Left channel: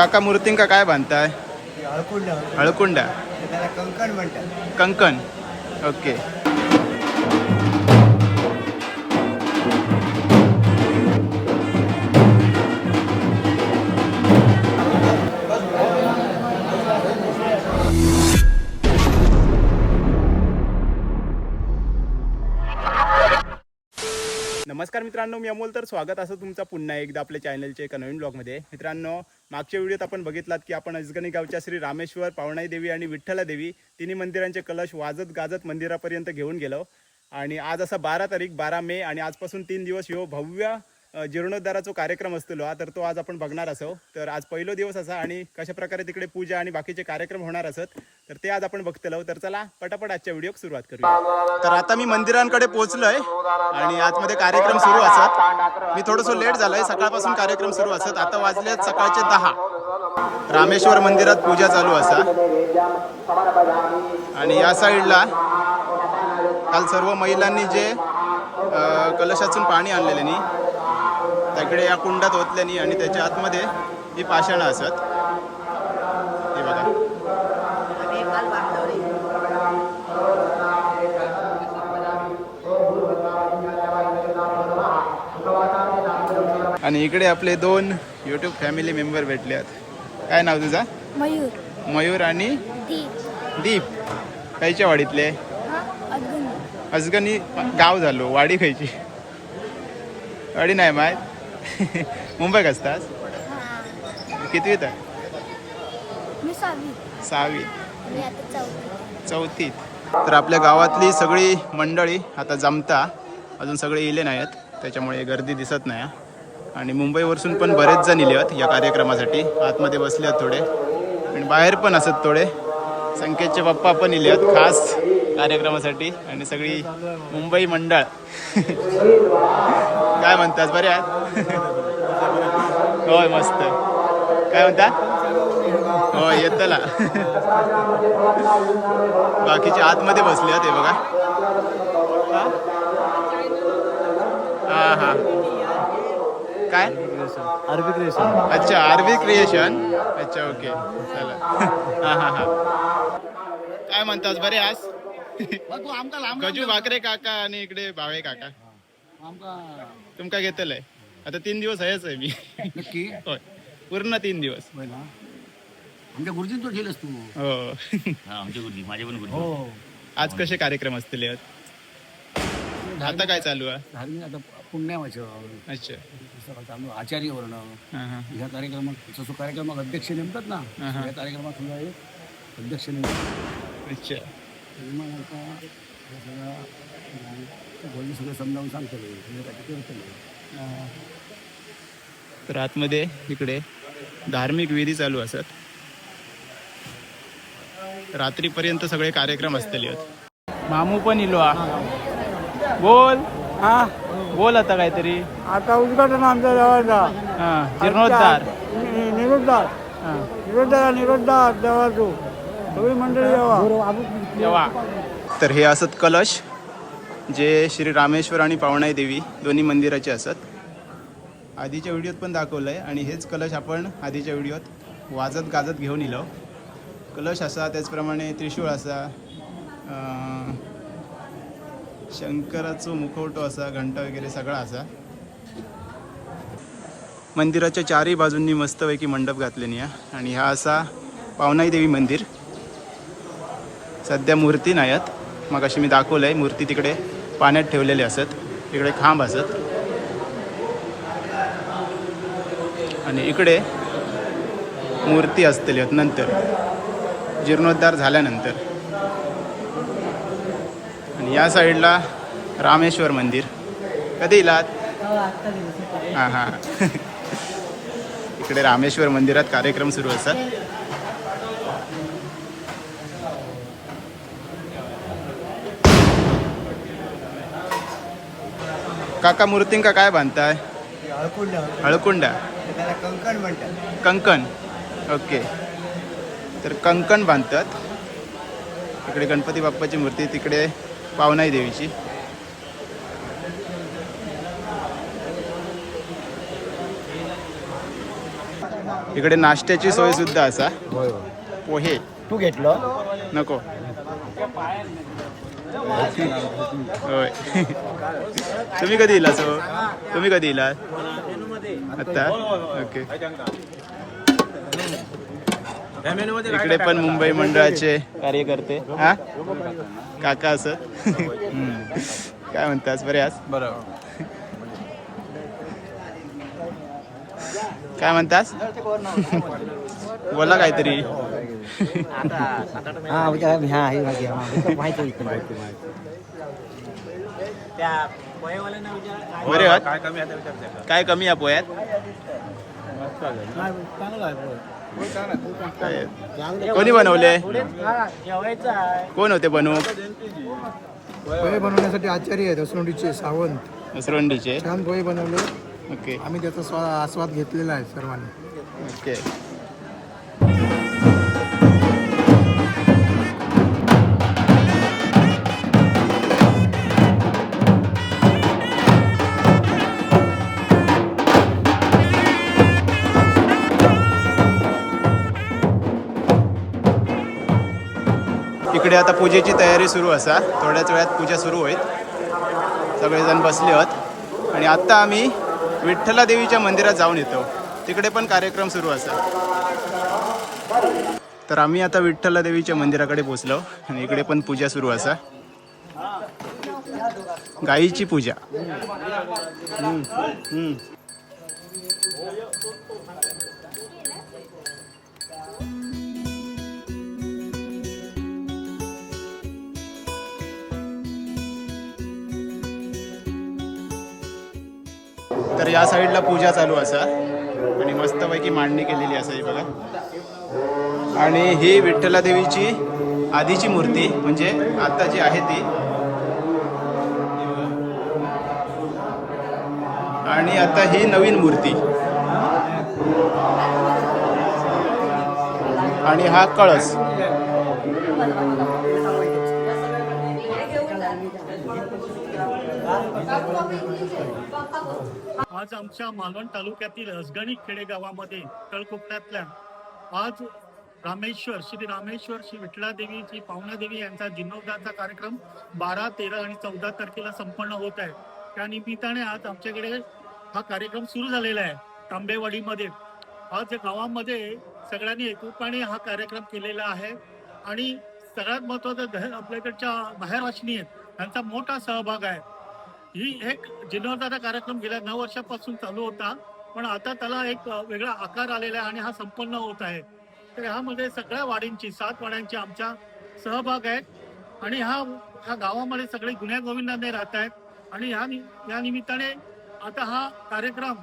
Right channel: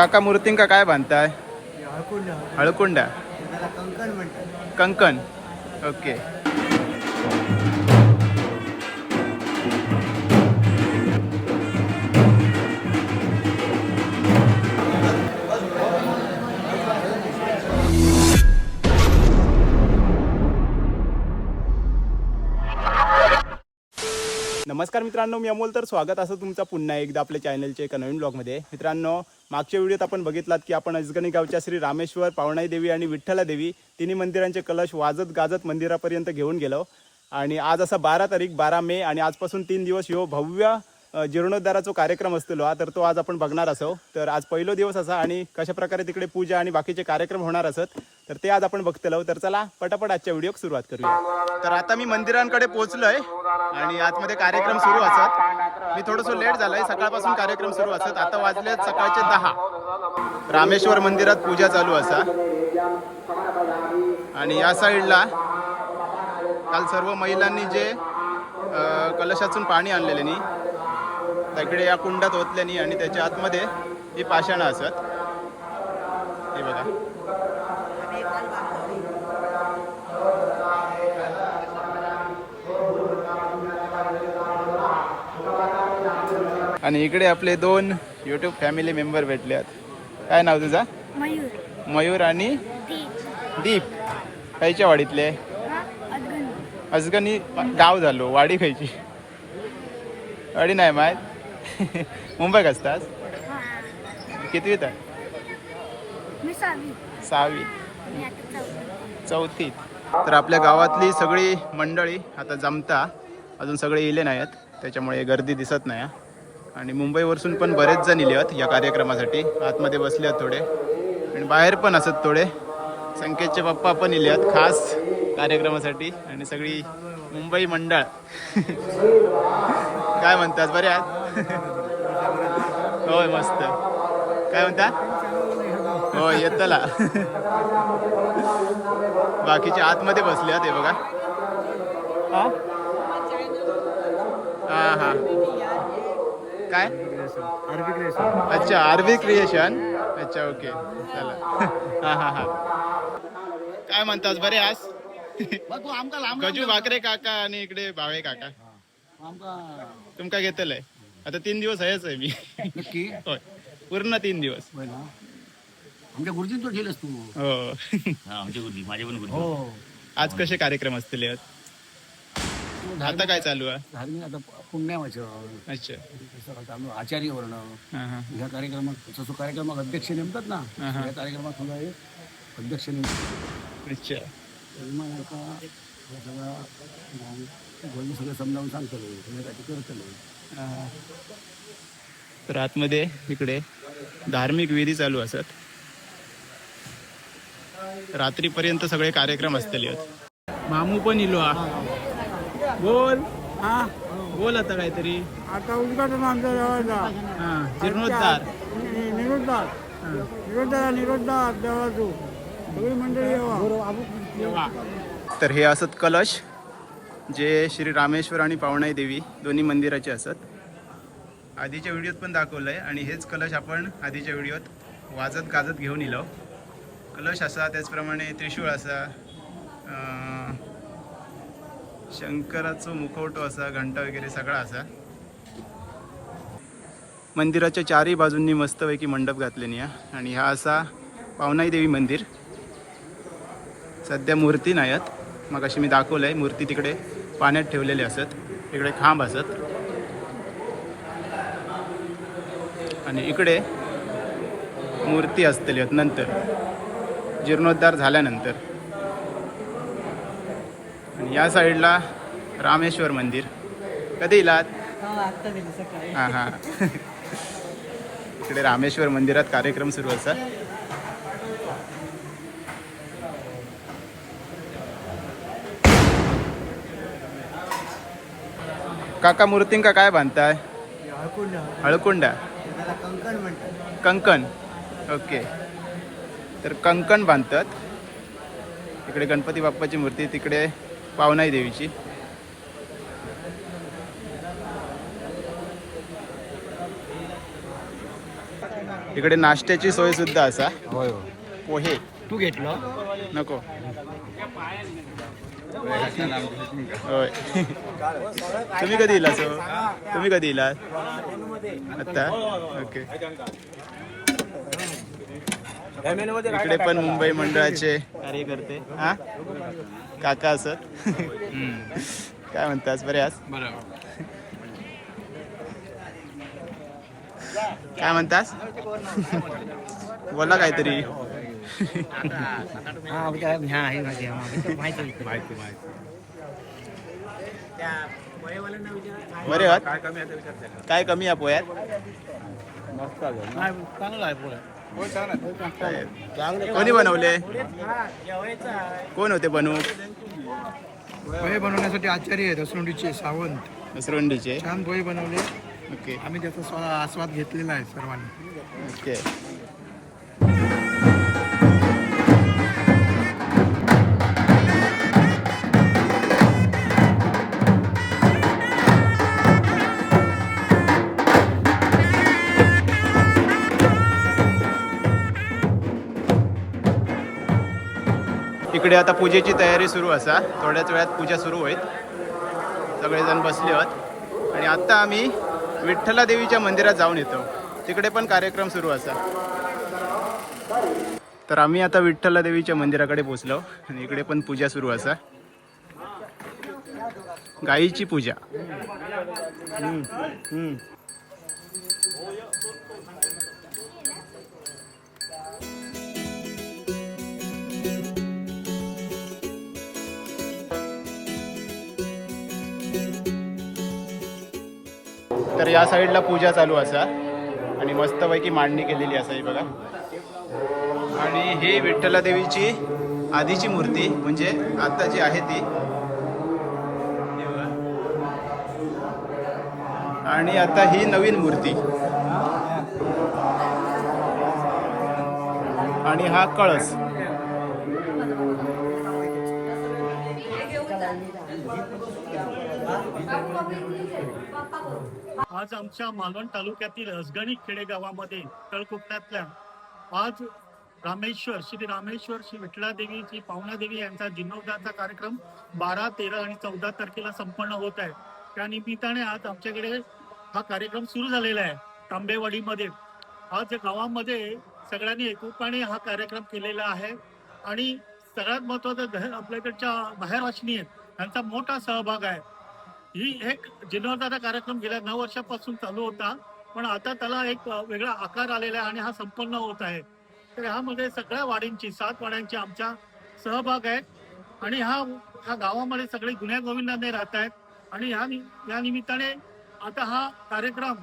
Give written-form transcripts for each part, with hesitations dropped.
काका मूर्तींका काय बांधताय? हळकुंड हळकुंडा. त्याला कंकण म्हणतात. कंकण. ओके. नमस्कार मित्रांनो, मी अमोल. तर स्वागत असं तुमचं पुन्हा एकदा आपल्या चॅनलच्या एका नवीन ब्लॉगमध्ये. मित्रांनो, मागच्या व्हिडिओत आपण बघितलात की आपण अजगणी गावच्या श्री रामेश्वर, पावणाई देवी आणि विठ्ठला देवी तिन्ही मंदिरांचे कलश वाजत गाजत मंदिरापर्यंत घेऊन गेलो. आणि आज असा 12 तारीख 12 मे आणि आजपासून 3 दिवस ह्यो भव्य जीर्णोद्धाराचा कार्यक्रम असतो तर तो आज आपण बघणार असो. तर आज पहिलो दिवस असा आणि कशा प्रकारे तिकडे पूजा आणि बाकीचे कार्यक्रम होणार असत तर ते आज आपण बघतलो. तर चला पटापट आजच्या व्हिडिओक सुरुवात करूया. तर आता मी मंदिरांकडे पोहोचलोय आणि आतमध्ये कार्यक्रम सुरू असत. मी थोडंसं लेट झालंय, सकाळपासून कार्यक्रम सुरू असत. आता वाजले सकाळचे 10. रामेश्वर मंदिरात पूजा चालू असा आणि या साईडला काल सर्व महिलांनी जे कलशातून पाणी आणलेले तिकडे या कुंडात ओतल्यानी आणि त्याच्या आतमध्ये ही पाषाणं असत. हे बघा. आणि इकडे आपले 2 यूट्यूब फॅमिली मेंबर भेटले. काय नाव तुझा? मयूर. मयूर आणि दीप. दीप. खायच्या वाडीतले? अजगणी. अजगणी गाव झालो. वाडी खायची? वाडी नाही माहीत. मुंबईत असतास? कितवीत आहे? मी 6वीत. मी आता 4वीत. 4थीत. तर आपल्या गावातली सगळी मंडळी आता जमता. अजून सगळे इले नाहीत त्याच्यामुळे गर्दी दिसत नाही. आणि मुंबईवरसून पण बरेच जण इले आहेत या कार्यक्रमासाठी. आतमध्ये बसले आहेत थोडे आणि बाहेर पण असत थोडे. संकेतचे पप्पा पण इले आहेत खास कार्यक्रमासाठी आणि सगळी मुंबई मंडळ. काय म्हणतात? बरे आहात? होय मस्त. काय म्हणता? हो येतला. बाकीचे आतमध्ये बसले आहेत. हे बघा. हां हां. काय? RB creation. अच्छा, आरबी क्रिएशन. अच्छा, ओके. चला. हां हां हां. काय म्हणतात? बरे आज? गजू भाकरे काका आणि इकडे भावे काका. तुमका घेतलंय आता 3 दिवस आहेच आहे मी. नक्की? होय, पूर्ण 3 दिवस. आमच्या गुरुजींचं ठेलच तू. हो. आमच्या गुरुजी, माझे पण गुरुजी. हो. आज कसे कार्यक्रम असतील? आता काय चालू आहे? धार्मिक आता पुण्यावाचं. अच्छा. आचार्य वर्ण हां हां. ह्या कार्यक्रमात जसं कार्यक्रमात अध्यक्ष नेमतात ना, हा. या कार्यक्रमात समजा एक अध्यक्ष नेमतात. अच्छा. मग आता हे सगळं समजावून सांगतो. तर आतमध्ये इकडे धार्मिक विधी चालू असत. रात्रीपर्यंत सगळे कार्यक्रम असतील. मामू पण इलो. बोल. हा, बोल आता काहीतरी. आता उद्घाटन आमच्या देवाचा. जीर्णोद्धार. निरोद्धार. निरोद्धार देवाचो सगळी मंडळी येवा. तर हे असत कलश जे श्री रामेश्वर आणि पावणाई देवी दोन्ही मंदिराचे असत. आधीच्या व्हिडिओत पण दाखवलंय आणि हेच कलश आपण आधीच्या व्हिडिओत वाजत गाजत घेऊन इलो. कलश असा, त्याचप्रमाणे त्रिशूळ असा, शंकराचं मुखवटो असा, घंटा वगैरे सगळा असा. मंदिराच्या चारही बाजूंनी मस्तपैकी मंडप घातलेली आहे. आणि हा असा पावणाई देवी मंदिर. सध्या मूर्ती नाही आहेत. मग अशी मी दाखवलं आहे मूर्ती तिकडे पाण्यात ठेवलेले असत. इकडे खांब असत आणि इकडे मूर्ती असलेली आहेत नंतर जीर्णोद्धार झाल्यानंतर. आणि या साईडला रामेश्वर मंदिर. कधी इलात? हां हां. इकडे रामेश्वर मंदिरात कार्यक्रम सुरू असतात. काका मूर्तींका काय बांधताय? हळकुंड. हळकुंडा. त्याला कंकण म्हणतात. कंकण. ओके. तर कंकण बांधतात. इकडे गणपती बाप्पाची मूर्ती, तिकडे पावणाई देवीची. इकडे नाश्त्याची सोय सुद्धा असा. पोहे तू घेतलं नको. होय. तुम्ही कधी इला सो तुम्ही कधी इला आता ओके. इकडे पण मुंबई मंडळाचे कार्यकर्ते हा काका असत. काय म्हणतास बरे आज काय म्हणतास बोला काहीतरी. बरे आहात काय कमी आहे पोह्यात काय कोणी बनवले कोण होते बनवू. पोहे बनवण्यासाठी आचार्य आहेत असरोंडीचे सावंत असरोंडीचे छान पोहे बनवले. ओके आम्ही त्याचा आस्वाद घेतलेला आहे सर्वांनी. ओके. इकडे आता पूजेची तयारी सुरू असा. थोड्याच वेळात पूजा सुरू होईल. सगळेजण बसले आहोत आणि आता आम्ही विठ्ठला देवीच्या मंदिरात जाऊन येतो. तिकडे पण कार्यक्रम सुरू असा. तर आम्ही आता विठ्ठला देवीच्या मंदिराकडे पोहोचलो आणि इकडे पण पूजा सुरू असा. गाईची पूजा. तर या साईडला पूजा चालू असा आणि मस्तपैकी मांडणी केलेली असा ही बघा. आणि ही विठ्ठला देवीची आधीची मूर्ती म्हणजे आता जी आहे ती. आणि आता ही नवीन मूर्ती आणि हा कळस. आज आमच्या मालवण तालुक्यातील हसगणी खेडेगावामध्ये तळकोकणातल्या आज श्री रामेश्वर श्री विठ्ठला देवीची पावना देवी यांचा जीर्णोद्धारचा कार्यक्रम 12, 13 आणि 14 तारखेला संपन्न होत आहे. त्या निमित्ताने आज आमच्याकडे हा कार्यक्रम सुरू झालेला आहे तांबेवाडीमध्ये. आज गावामध्ये सगळ्यांनी एकोपाने हा कार्यक्रम केलेला आहे आणि सगळ्यात महत्वाचं आपल्याकडच्या बाहेरवाशिनी आहेत यांचा मोठा सहभाग आहे. ही एक जीर्णोद्धारचा कार्यक्रम गेल्या 9 वर्षापासून चालू होता पण आता त्याला एक वेगळा आकार आलेला आहे आणि हा संपन्न होत आहे. तर ह्यामध्ये सगळ्या वाडींची 7 वाड्यांची आमचा सहभाग आहे आणि ह्या गावामध्ये सगळे गुण्यागोविंदाने राहत आहेत आणि या निमित्ताने आता हा कार्यक्रम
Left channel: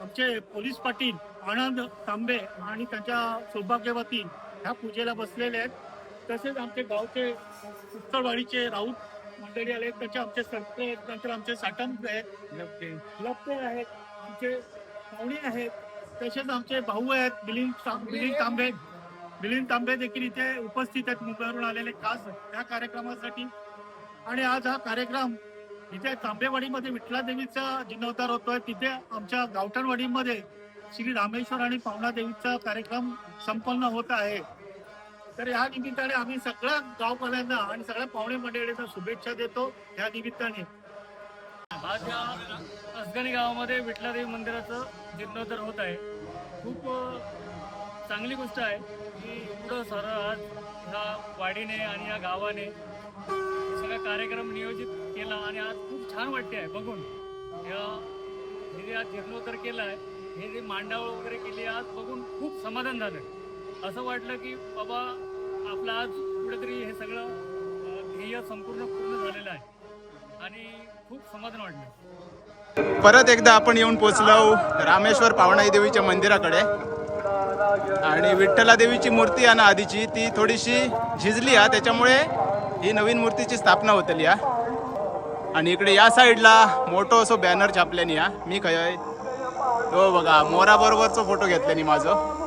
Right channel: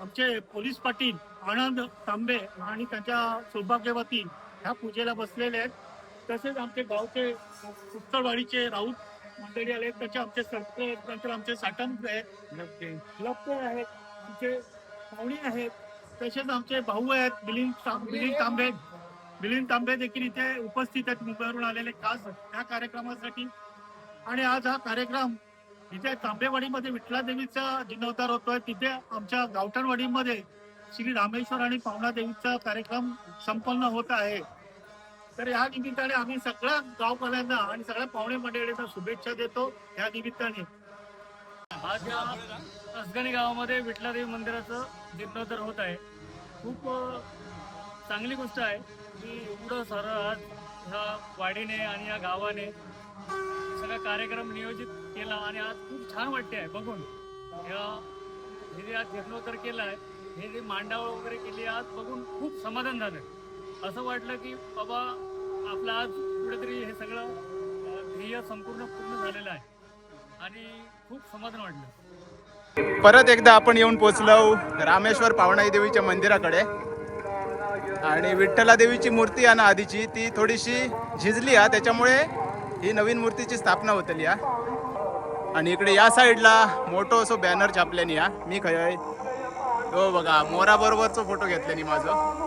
आमचे पोलीस पाटील आनंद तांबे आणि त्यांच्या सौभाग्यवती ह्या पूजेला बसलेले आहेत. तसेच आमचे गावचे उत्तरवाडीचे राऊत मंडळी आले. त्याचे आमचे सरपंच आहेत, नंतर आमचे साटम आहेत, लपते आहेत, आमचे पाहुणे आहेत, तसेच आमचे भाऊ आहेत मिलिंद तांबे देखील इथे उपस्थित आहेत मुंबईवरून आलेले खास त्या कार्यक्रमासाठी. आणि आज हा कार्यक्रम इथे तांबेवाडीमध्ये विठ्ठला देवीचा जीर्णोद्धार होतोय. तिथे आमच्या गावठणवाडीमध्ये श्री रामेश्वर आणि पावना देवीचा कार्यक्रम संपन्न होत आहे. तर या निमित्ताने आम्ही सगळ्या गावकऱ्यांना आणि सगळ्या पाहुणे मंडळींना शुभेच्छा देतो. या निमित्ताने आज या हसगणी गावामध्ये विठ्ठला देवी मंदिराचं जीर्णोद्धार होत आहे. खूप चांगली गोष्ट आहे की एवढं सारं आज ह्या वाडीने आणि या गावाने सगळा कार्यक्रम नियोजित केला आणि आज खूप छान वाटते आहे बघून. हे आज जीर्णोद्धार केला आहे, हे जे मांडावळ वगैरे केली आज बघून खूप समाधान झालं. असं वाटलं की बाबा आपलं आज कुठेतरी हे सगळं ध्येय पूर्ण झालेलं आहे आणि खूप समाधान वाटलं. परत एकदा आपण येऊन पोचलो रामेश्वर पावणाई देवीच्या मंदिराकडे आणि विठ्ठला देवीची मूर्ती आहे ना आधीची ती थोडीशी झिजली आहे त्याच्यामुळे ही नवीन मूर्तीची स्थापना होतली या. आणि इकडे या साईडला मोठं असं बॅनर छापल्यानी या मी खय हो बघा मोरा बरोबरचा फोटो घेतल्यानी माझं.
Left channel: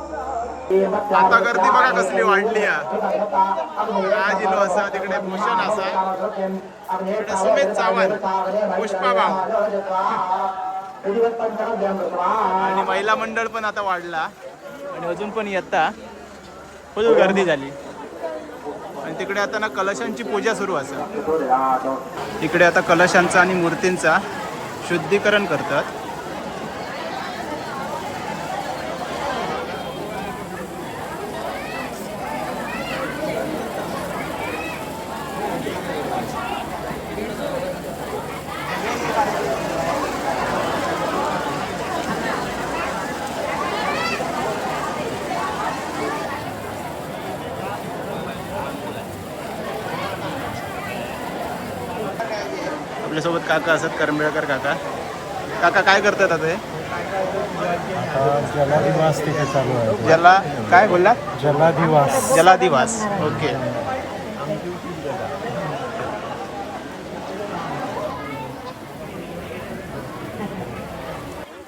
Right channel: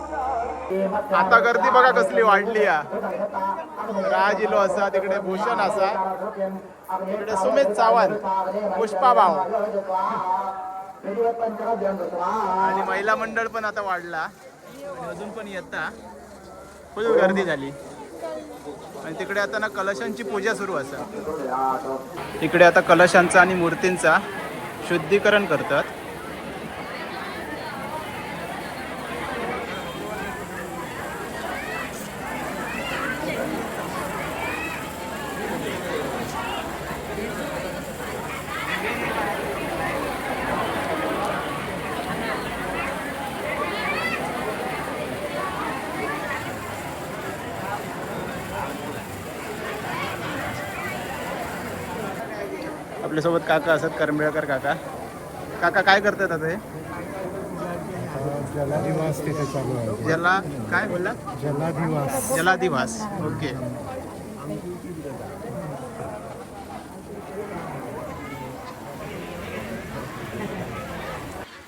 आता गर्दी बघा कसली वाढली या. राज इलो असा तिकडे भूषण असा तिकडे सुमित सावंत पुष्पा भाव आणि महिला मंडळ पण आता वाढला आणि अजून पण येता फुल गर्दी झाली. आणि तिकडे आता ना कलशांची पूजा सुरू असा. इकडे आता कलशांचा आणि मूर्तींचा शुद्धीकरण करतात. आपल्यासोबत काका असत करंबेळकर काका. काका काय करतात आता हे? जलादिवास तिथे चालू आहे. ज्याला काय बोलला? जलादिवास. जलादिवास. ओके.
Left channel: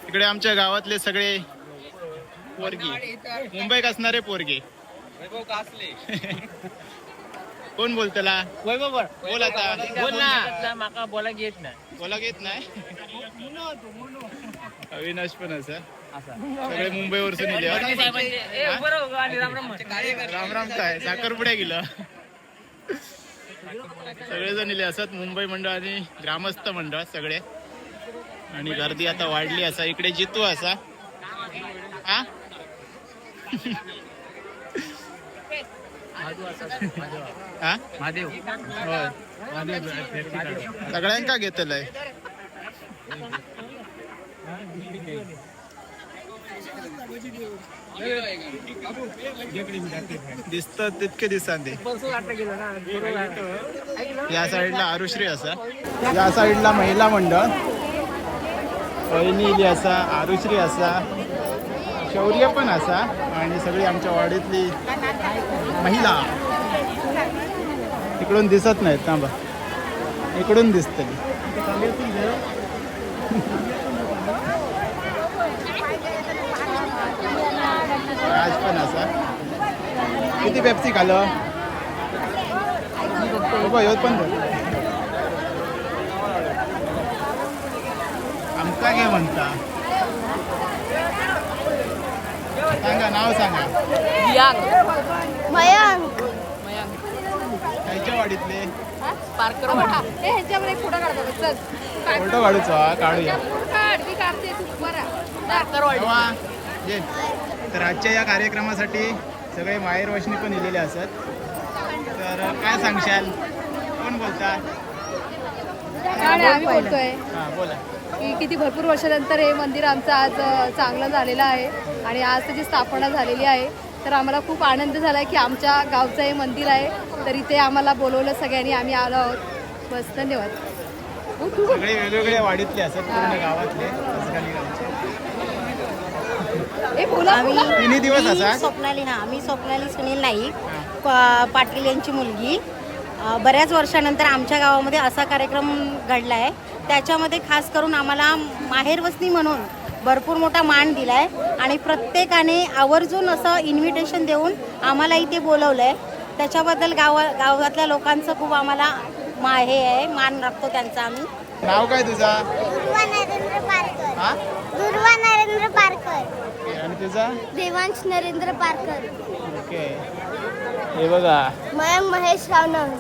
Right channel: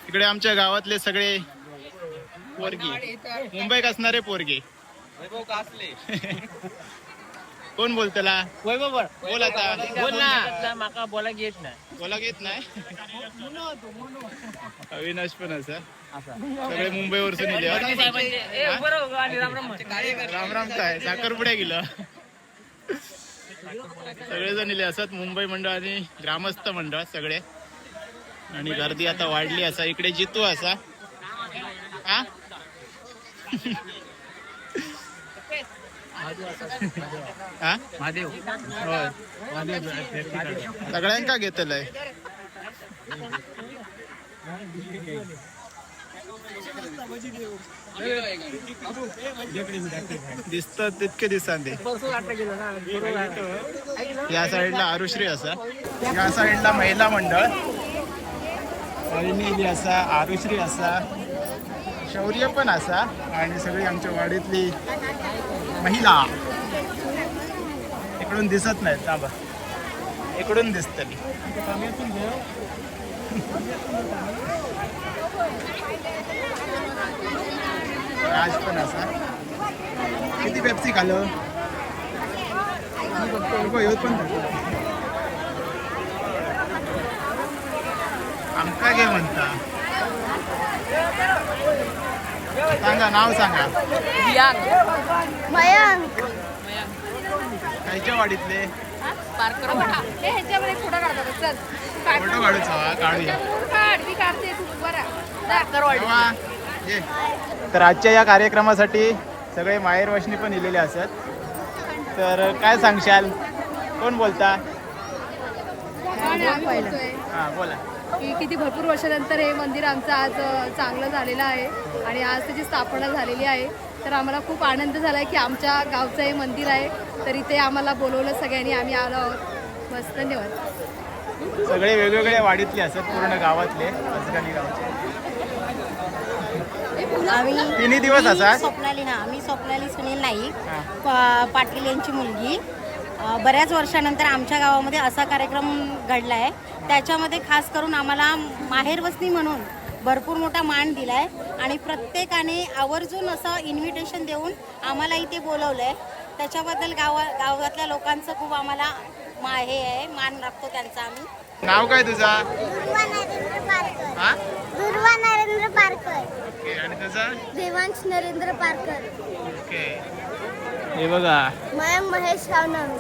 इकडे आमच्या गावातले सगळे पोरगी मुंबईत असणारे पोरगे. कोण बोलतला? बोल आता. बोल ना माका बोला घेत नाही. बोला घेत नाही. अविनाश पण असं सगळे मुंबईवरसून इले. राम राम काय साखरपुड्या गेलं. सगळेजण इले असत मुंबई मंडळ आणि ग्रामस्थ मंडळ सगळे. आणि गर्दी आता वाढली असा. इकडे जितू असा. हा हा महादेव होय. सगळ्यांका घेतलंय. दिसत तितके दिसतात ते. या साईडला आरुश्री असा. या साईडला महिला मंडळ वहिनी असा, आरुश्री असा, शौर्य पण असा आणि सगळी आमच्या वाडीतली महिला. इकडून दिसत नाहीत थांबा. इकडून दिसते. राज पण असा. किती पेप्सी खाल्लं? पण आमका घे म्हणता. सांगा नाव सांगा. मयंक खायच्या वाडीतले हे ह्याच्यामध्ये फोटो काढतो बघ, चल फोटो काढूचो. काढूया मी काढते तू बरा. तेव्हा ये. तर आजच्या या कार्यक्रमासाठी सगळे माहेर वशनी पण इलेले असत. तर काय सांगशाल? कोण बोलता? आम्ही बोलतोय हा बोला. की किती भरपूर वर्षानंतर हे मंदिर आमचं आज चांगलं झालेलं आहे आणि आज त्याची स्थापना झालेली आहे. तर आम्हाला खूप आनंद झाला आहे की आमच्या गावचं हे मंदिर आहे. तर इथे आम्हाला बोलवलं सगळ्यांनी, आम्ही आलो आहोत. बस धन्यवाद. सगळे वेगवेगळ्या वाडीतले असत, पूर्ण गावातले असगाली गावचे. तिन्ही दिवस असतात. मी स्वप्नाली सुनील नाईक, हा. पाटील यांची मुलगी. बऱ्याच वर्षानंतर आमच्या गावामध्ये असा कार्यक्रम घडला आहे. त्याच्यामध्ये खास करून आम्हाला माहेरवसनी म्हणून भरपूर मोठा मान दिला आहे आणि प्रत्येकाने आवर्जून असं इन्व्हिटेशन देऊन आम्हाला इथे बोलवलं आहे. त्याच्याबद्दल गावातल्या लोकांचं खूप आम्हाला हे आहे, मान राखतो त्यांचा आम्ही. नाव काय तुझा? दुर्वा नरेंद्र पारकर. हा दुर्वा नरेंद्र पारकर. ओके. आणि तुझा? देवांश नरेंद्र पारकर. ओके. हे बघा. मयंक महेश रावनंग.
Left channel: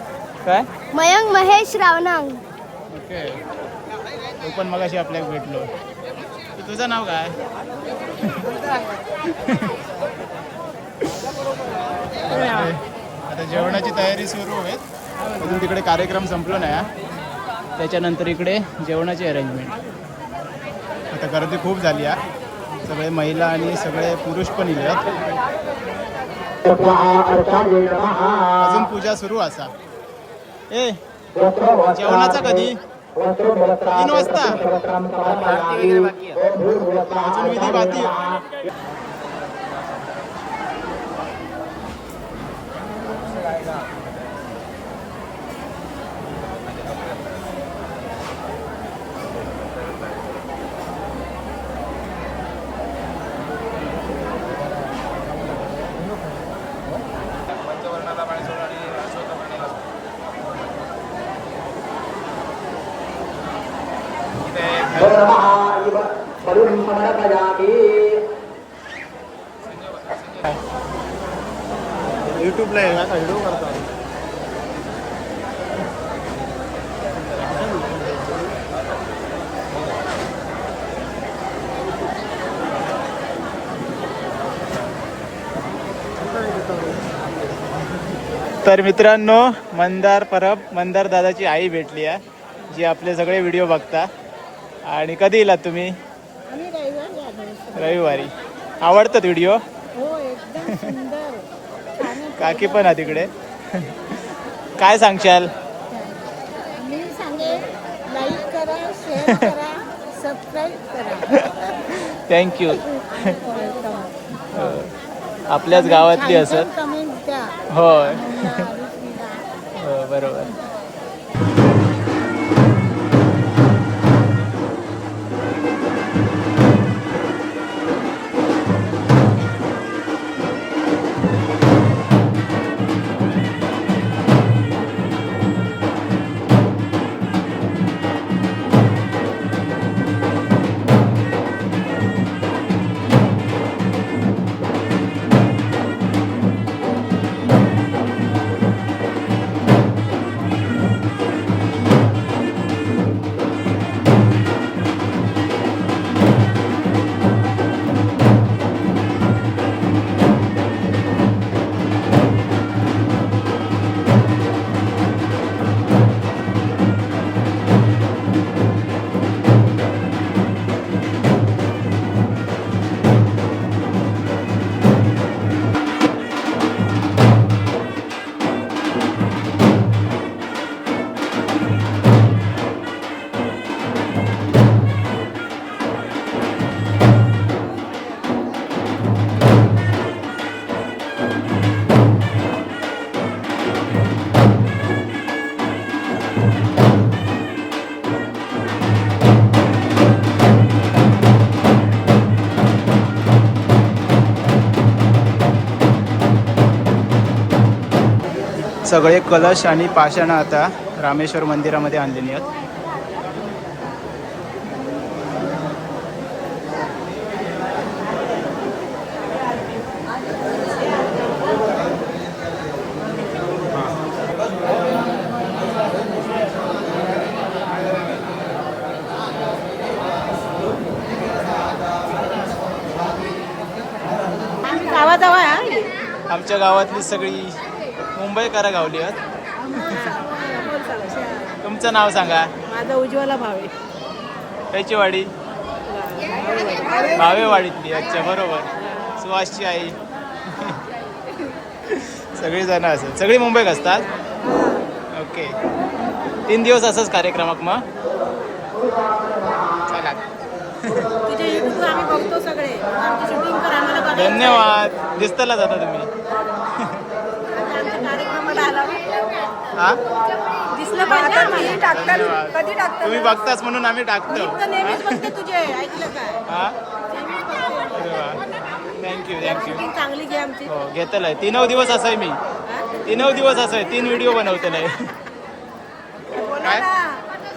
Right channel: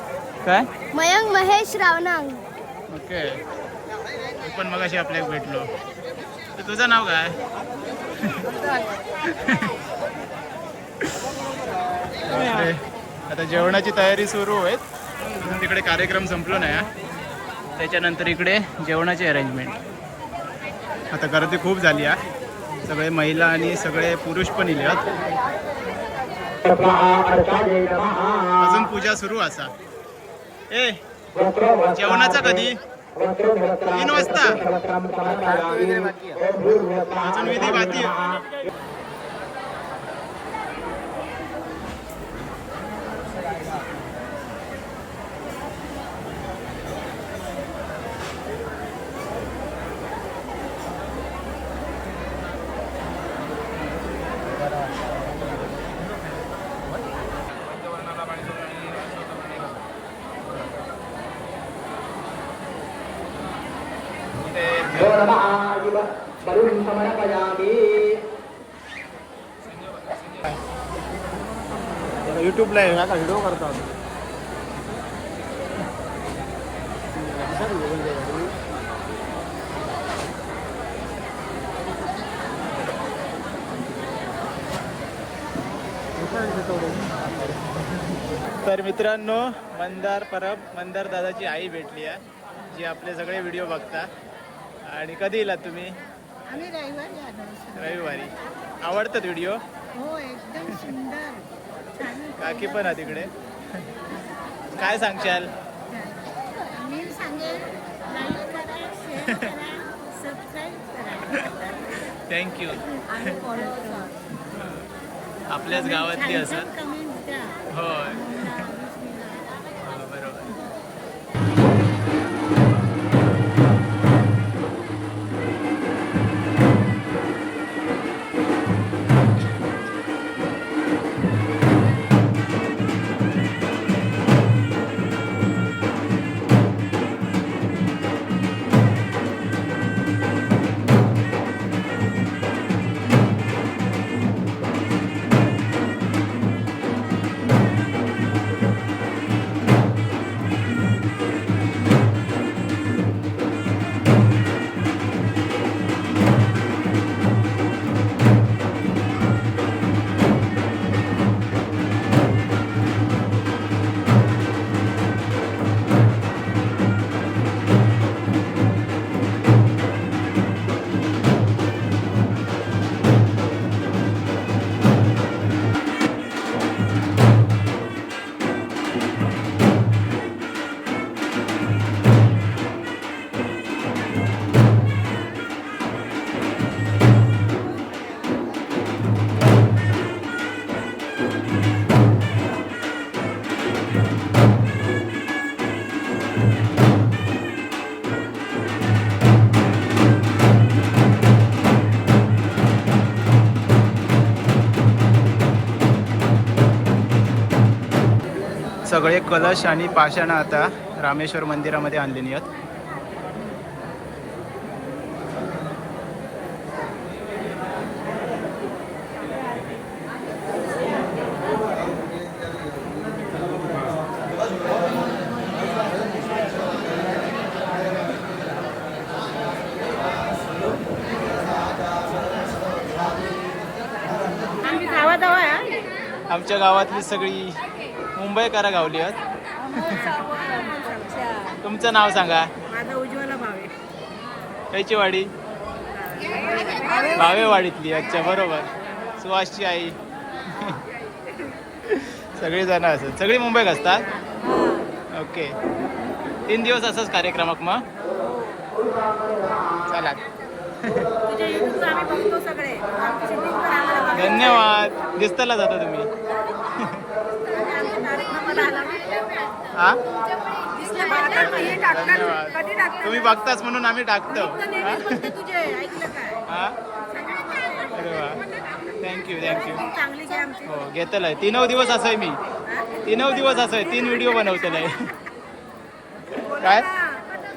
काय? मयंक महेश रावनंग. ओके. तू पण मगाशी आपल्याला भेटलो. तर तुझं नाव काय? बापरे. आता जेवणाची तयारी सुरू होईल. अजून तिकडे कार्यक्रम संपलो नाही हा. त्याच्यानंतर इकडे जेवणाची अरेंजमेंट. आता गर्दी खूप झाली हा. सगळे महिला आणि सगळे पुरुष पण इले. अजून पूजा सुरू असा. ए जेवणाचा कधी? 3 वाजता. अजून विधी बाकी. युट्यूबला आहे ना, व्हिडिओ करतो आम्ही. तर मित्रांनो, मंदार परब मंदार दादाची आई भेटली आहे, जी आपले सगळे व्हिडिओ बघता. आणि कधी येलात तुम्ही? आम्ही रविवारी आलो. रविवारी. आवडतात व्हिडिओ? हो, एकदम सुंदर. काकी पण आहे तिकडे. काय सांगशाल? मी सांगे लाईक करा, शेअर करा, सबस्क्राईब करा. थँक्यू. आणि फॉलो करा. आपल्याच गावातली असत. कमेंट द्या. होय. अमोलला, आरुषीला. हो, बरोबर. सगळे कलश आणि पाषाणं आता रामेश्वर मंदिरामध्ये आणलेली आहेत. आमच्या गावातली सगळी मुंबईकरा गावली आहेत. तुमचं नाव सांगा. माझा उज्ज्वला भावे. त्याची वाडी भावेवाडीतली. अच्छा, बरोबर. सुहासची आई. सगळी जण असत. सगळी मुंबईत असतात. ओके. 3 दिवस असंच कार्यक्रमाक मग. चला. धन्यवाद. दिसतला जाता तुम्ही. हा, धन्यवाद. तुम्ही बघताच म्हणून आम्ही टाकतो. हा, अरे वा, थँक्यू थँक्यू. हो, घेतलंय. 3 दिवस असं मी 3 दिवस असं 3 व्हिडिओ बनवतलंय. काय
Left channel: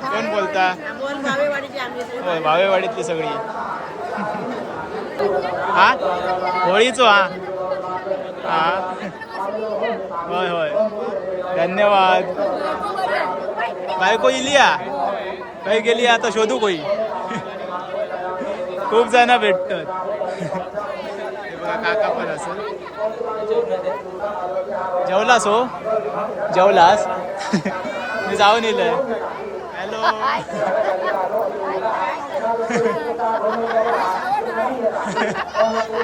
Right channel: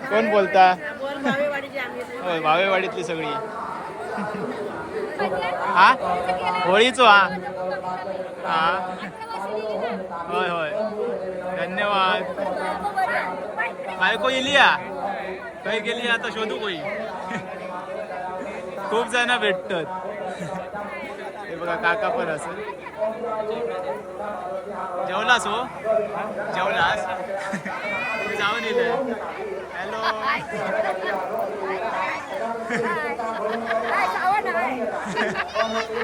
कोण बोलता? होय, भावेवाडीतली सगळी. हा, होळीचो. हा हा, होय होय. धन्यवाद. बायको इली काही गेली आता शोधू कोई. खूप जण भेटतात. हे बघा, काका पण असेल. जेवलास? हो, जेवलास? मी जाऊन येईल. हॅलो.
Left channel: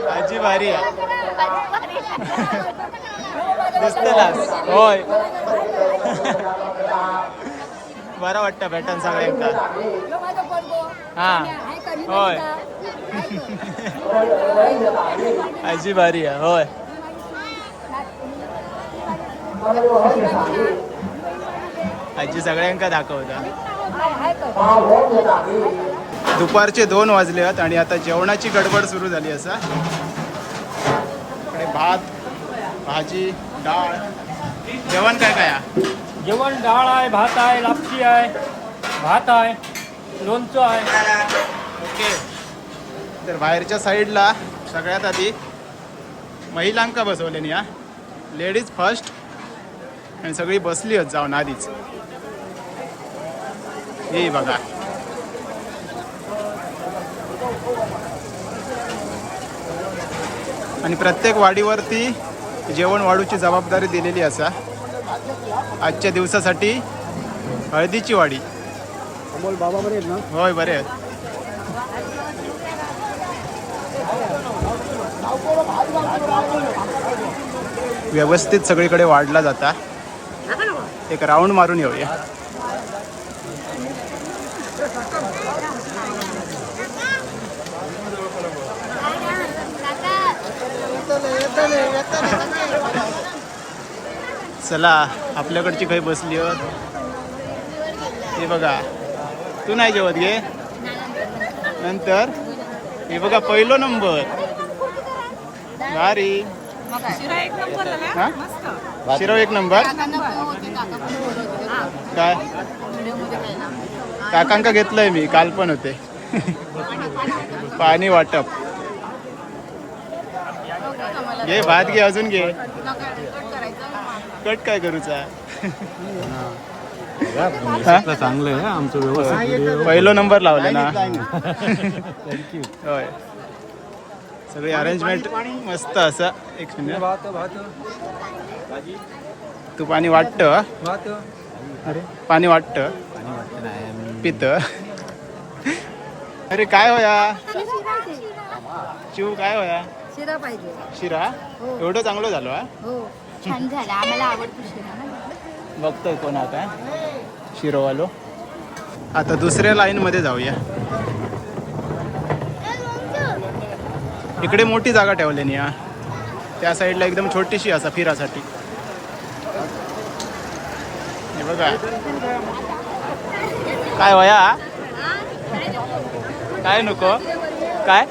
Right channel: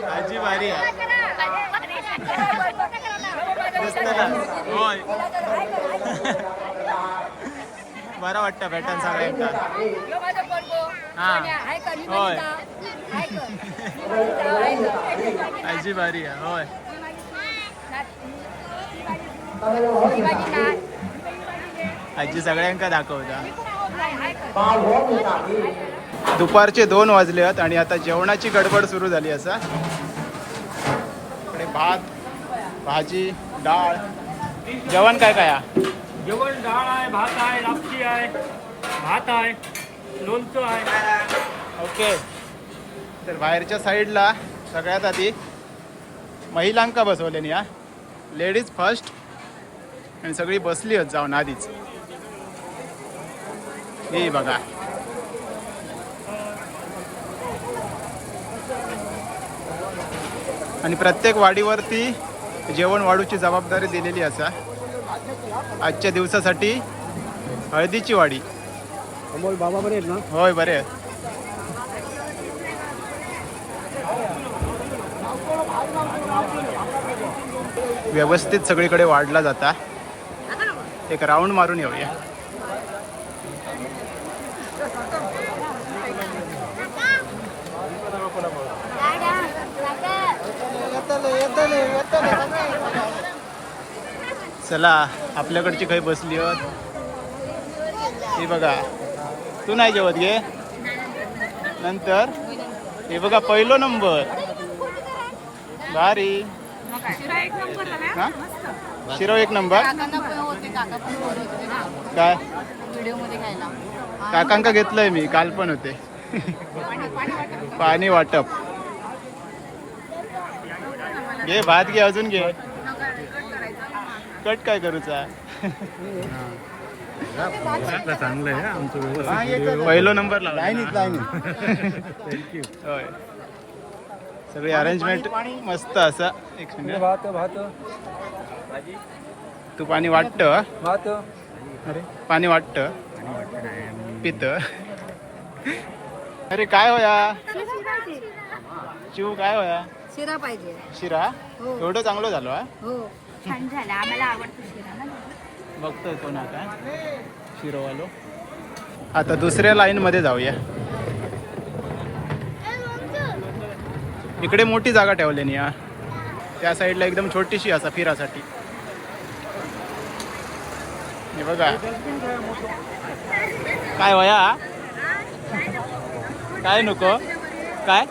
आजी भारी आहे. दिसतलास? होय. बरं वाटतं भेटन सगळ्यांका. हा, होय. आजी भारी आहे. होय. आजी सगळ्यांका दाखवता. दुपारचे 2 वाजले आहेत आणि आता जेवणाची गडबड सुरू झाली. असा इकडे भात, भाजी, डाळ. जेवण काय काय? जेवण डाळ आहे, भात आहे, लापशी आहे, भात आहे, लोणचं आहे. ओके. तर बाहेरच्या साईडला सगळ्यात आधी महिलांका बसवले या लेडीज फर्स्ट आणि सगळी बसली होत जाऊन आधीच. हे बघा आणि प्रत्येक वाडीवरती जेवण वाढूची जबाबदारी दिलेली असा. आजच्या दिवसासाठी हळदीची वाडी. होय बरे आहेत. व्यवस्थित सगळीकडे वाढला जाता. एक राऊंड मारून येऊया. चला आपल्याकडची काही बसली होत. हे बघा तू नाही जेवत घे नंतर. हे बघा पहिलो नंबर भारी. हा शिरो एक नंबर. काय काकांका घेतलंय मी काल पण होते. पाणी वाटप घे भात घे अजून घे. कट काय करूचा. चांगलं आहे आमचं व्यवस्थित. पहिलो नंबर लावला ना. होय सगळी अरेंजमेंट मस्त असा. एक मिनिट तू पाणी वाटत. अरे पाणी वाटत पित. अरे काय होया चिव काय होया. शिरा पाहिजे. शिरा एवढं चांगलं झालं हा. हो छान झाला. आम्हाला आवडतो शिरा ना. बघतोय कोण आता शिरोवालो. आता दुसऱ्या लाईन मध्ये जाऊया. इकडे मोठी जागा ठेवली या. त्या साईडला एकदम छोटीशी असा फिरासाठी. हे बघा काय वया काय नको काय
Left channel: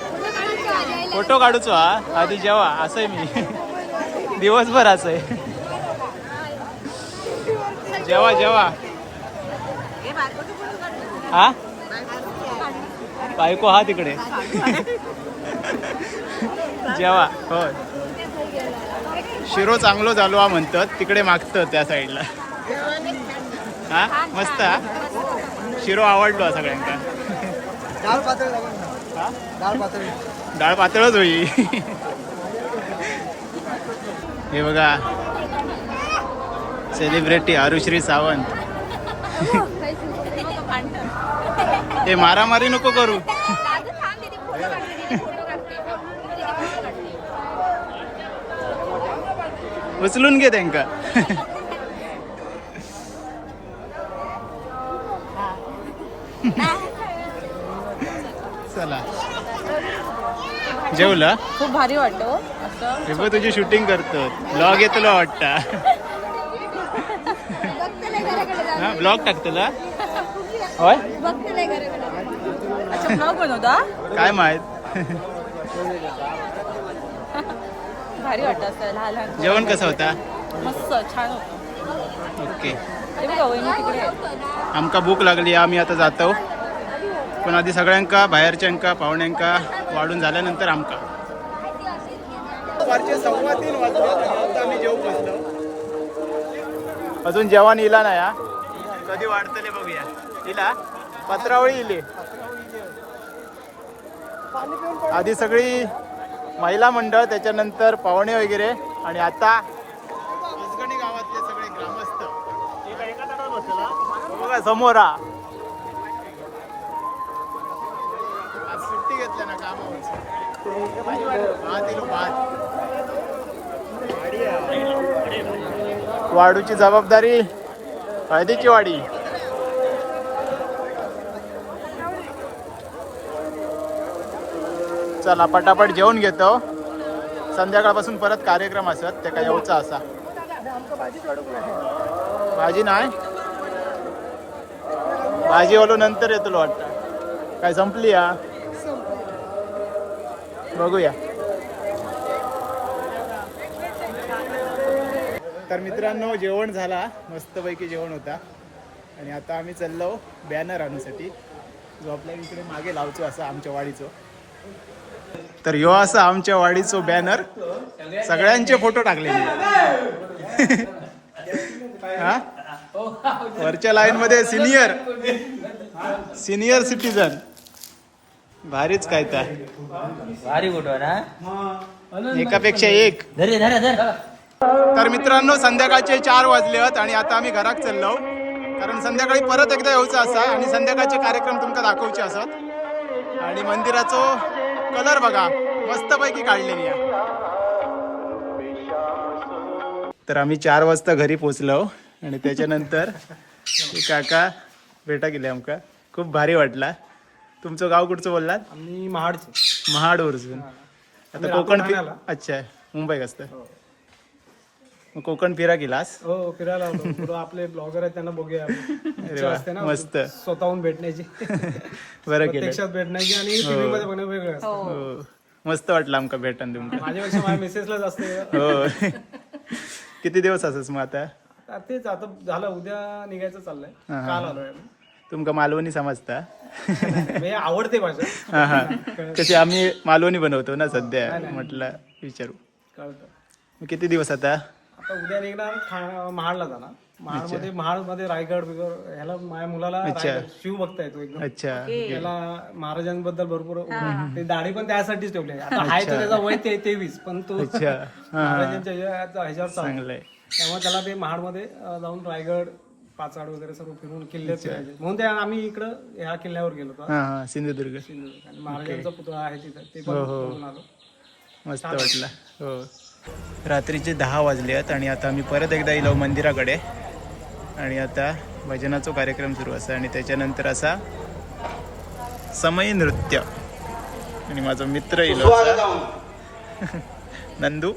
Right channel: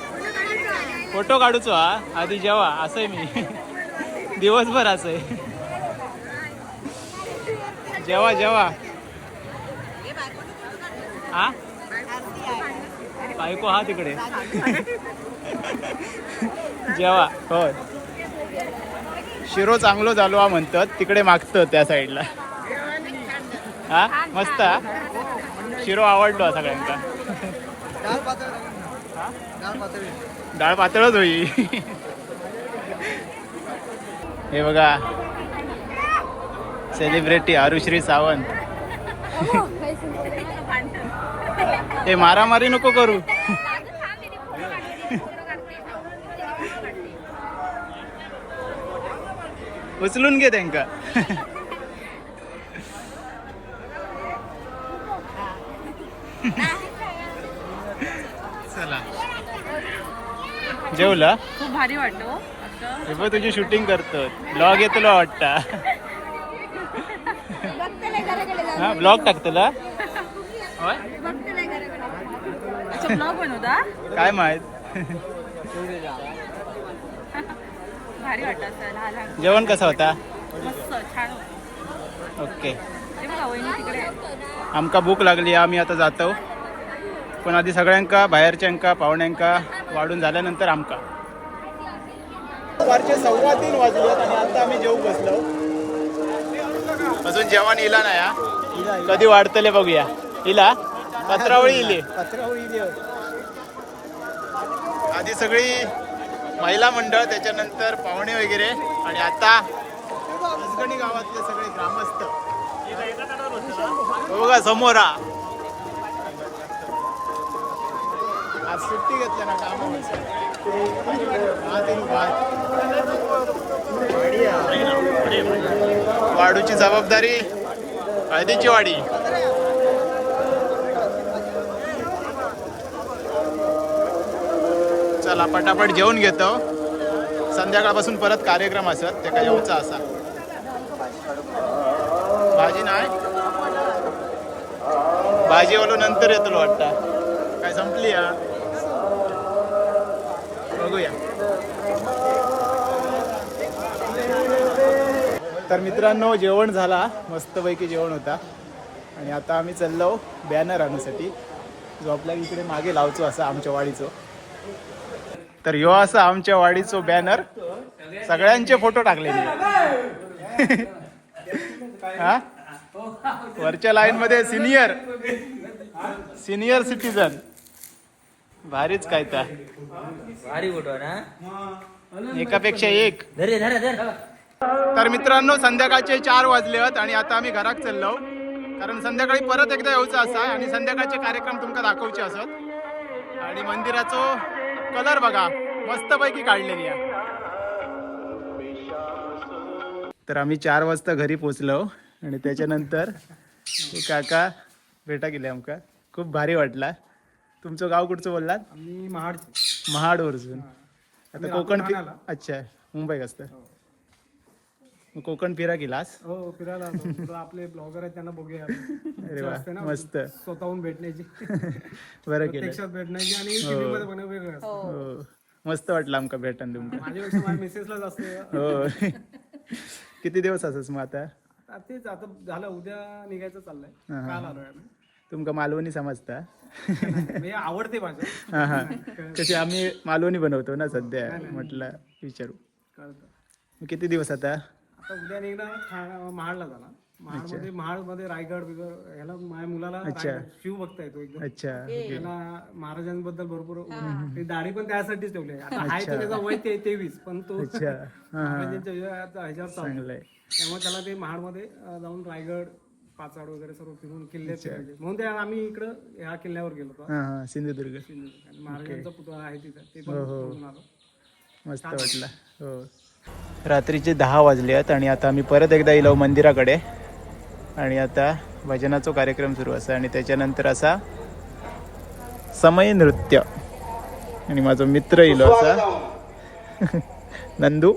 फोटो काढूचो हा आधी जेवा असंय मी दिवसभर असंय. जेवा जेवा हा बायको हा तिकडे जेवा. हो शिरो चांगलो झालो हा म्हणतात तिकडे मागतं त्या साईडला. हा मस्त हा शिरो आवडलो हा सगळ्यांका. डाळ पातळच होई. हे बघा सेलिब्रिटी आरुश्री सावंत. हे मारामारी नको करू. उचलून घे त्यांका. चला जेवला. खूप भारी वाटतो असं. हे बघ तुझी शूटिंग करतो. ब्लॉग येतलो वाटता. हा ब्लॉग टाकतला होय. अच्छा ब्लॉग बनवता. काय माहित. भारी वाटतं असं लहान लहान. जेवण कसं होता. मस्त छान होतं. ओके ते बघा वहिनी तिकडे. आमका भूक लागली. आम्ही आता जातो. पण आधी सगळ्यांका बाहेरच्यांका पाहुण्यांका वाढून झाल्यानंतर आमका. दुपारचे 3:15 वाजले आणि आता आम्ही जेवू बसलो. अजून जेवण इला नाही हा. कधी वाढतले बघूया. इला पत्रावळी इले. आधी सगळी महिला मंडळ त्याच्यानंतर पाहुणे वगैरे आणि आता अजगणी गावातले सगळे ग्रामस्थ. बघा समोरा आज सुट्टी घेतल्या ना कामावर. भात येलो भात. वाढूची जबाबदारी हळदीची वाडी. चला पटापट जेवून घेतो. संध्याकाळपासून परत कार्यक्रम असत ते काय येऊचा असा. भाजी नाही भाजी वालो नंतर येतलो वाटता. काय संपली या बघूया. तर मित्रांनो जेवण झाला. मस्तपैकी जेवण होता आणि आता आम्ही चाललो बॅनर आणण्यासाठी जो आपल्या इकडे मागे लावचो असा आमच्या वाडीचो. तर ह्यो असा आमच्या वाडीचो बॅनर सगळ्यांचे फोटो टाकले हा वरच्या लाईन मध्ये सिनियर सिटीजन भारीच काय तर एकापेक्षा एक. तर मित्रांनो संध्याकाळचे 4 वाजले आहेत आणि आता आम्ही घरात चाललो कारण संध्याकाळी परत एकदा येऊचं असा आणि संध्याकाळचे कार्यक्रम तुमका दाखवचे असत आणि मंदिराचो कलर बघा मस्त पैकी काढलेली आहे. तर आम्ही 4 वाजता घरी पोचलो आणि त्याच्यानंतर काका भेटा गेले आमका खूप भारी वाटला. तुमचं गाव कुठचं बोललात? महाडवरून. आता कोकण अच्छा मुंबई असतं मग कोकण फिरा गेलास? हो फिरायला होतो. आपले ब्लॉगर आहेत त्यांना बघूया. अरे वा मस्त स्वतःहून भेटण्याची बरं केलं प्रत्यक्षात भेटण्याची आणि TV मध्ये बघणं वेगळं असतं. हो मस्त वाटलं आमका भेटन तुमका. माझ्यापेक्षा माझ्या मिसेसलाच असते. हो किती दिवस असस मग आता? तेच आता झालं उद्या निघायचं चाललंय. हा. काल आलोय. तुमका मालवणी समजता? मी आवडते भाषा. हा हा कशी आम्ही मालवणी बनवतो ना सध्या म्हटलं विचारू. कळतं. मग किती दिवस आता? आता उद्या निघणार महाडला जाणार. महाडमध्ये रायगड बिगड ह्याला माझ्या मुलाला अच्छा. रायगड, शिव बघता येतो एकदम. अच्छा त्याला महाराजांबद्दल भरपूर ते दाढी पण त्यासाठीच ठेवली आहे. आता आहे तर त्याचा वय 23 पण तो अच्छा महाराजांच्या ह्याच्यावर चालतो. चांगलंय. त्यामुळे त्याला ते महाडमध्ये जाऊन रायगड पाचाड वगैरे सर्व फिरून किल्ले फिरले. म्हणून ते आम्ही इकडं ह्या किल्ल्यावर गेलो होतो. हा हा सिंधुदुर्ग. आणि महाराजांचा पुतळा आहे तिथे ते हो, पण हो. बघून आलो. मस्त वाटलं. हो रात्रीचे 10 वाजले आहेत आणि आता आम्ही परत एकदा येलो मंदिराकडे आणि आता भजनाचा कार्यक्रम सुरू असा आणि त्याच्यानंतर असा समय नृत्य आणि माझा मित्र येलो असा नंदू.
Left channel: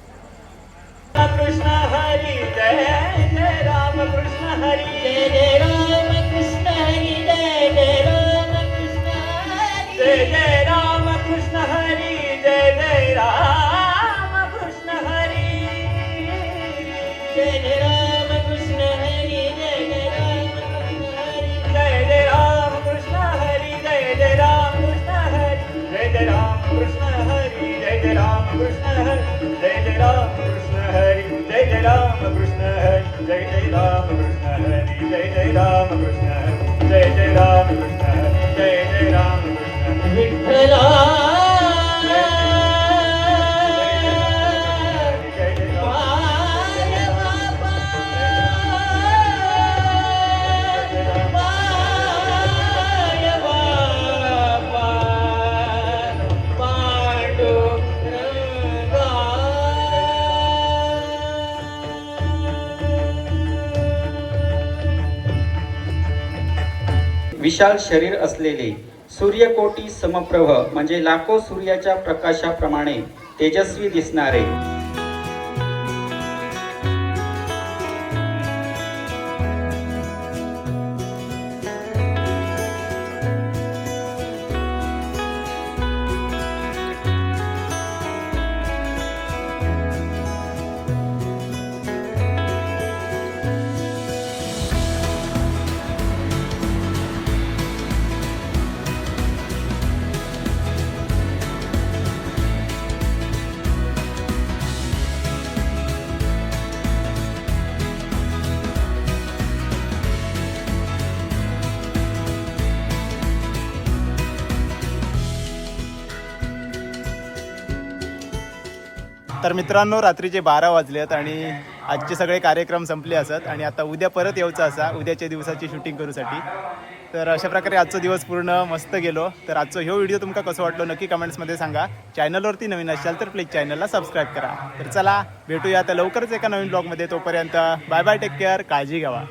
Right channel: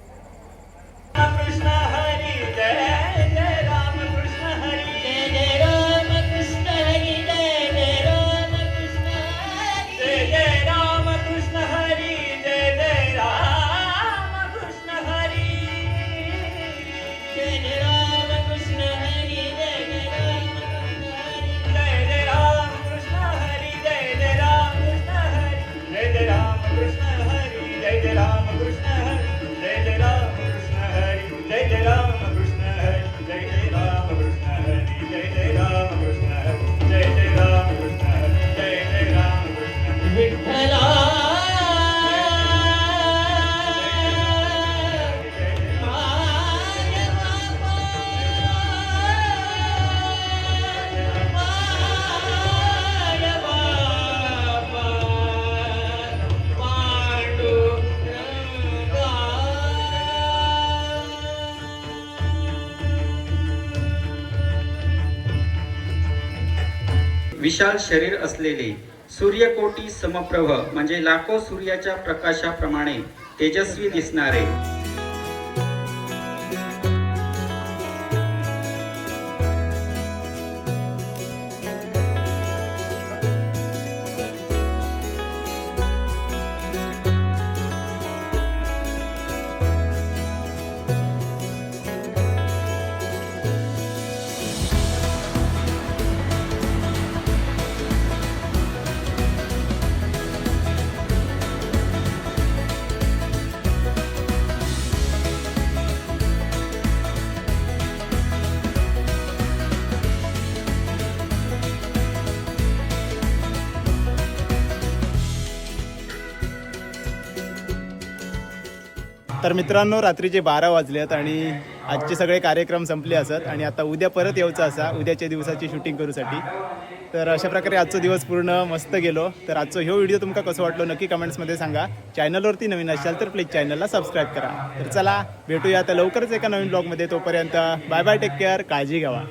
विशाल शरीर असलेले सूर्यकोटी समप्रभ म्हणजे लाखो सूर्याच्या प्रकाशाप्रमाणे तेजस्वी दिसणारे तर मित्रांनो रात्रीचे 12 वाजले आहेत आणि आजचे सगळे कार्यक्रम संपले असत आणि आता उद्या परत यायचं असा उद्याच्या दिवसाची शूटिंग करूसाठी. तर अशा प्रकारे आजचा दिवस पूर्ण मस्त गेलो. तर आजचा ह्यो व्हिडिओ तुमका कसं वाटलो नक्की कमेंट्समध्ये सांगा. चॅनलवरती नवीन असाल तर प्लीज चॅनलला सबस्क्राईब करा. तर चला भेटूया आता लवकरच एका नवीन ब्लॉगमध्ये. तोपर्यंत बाय बाय टेक केअर काळजी घ्यावा.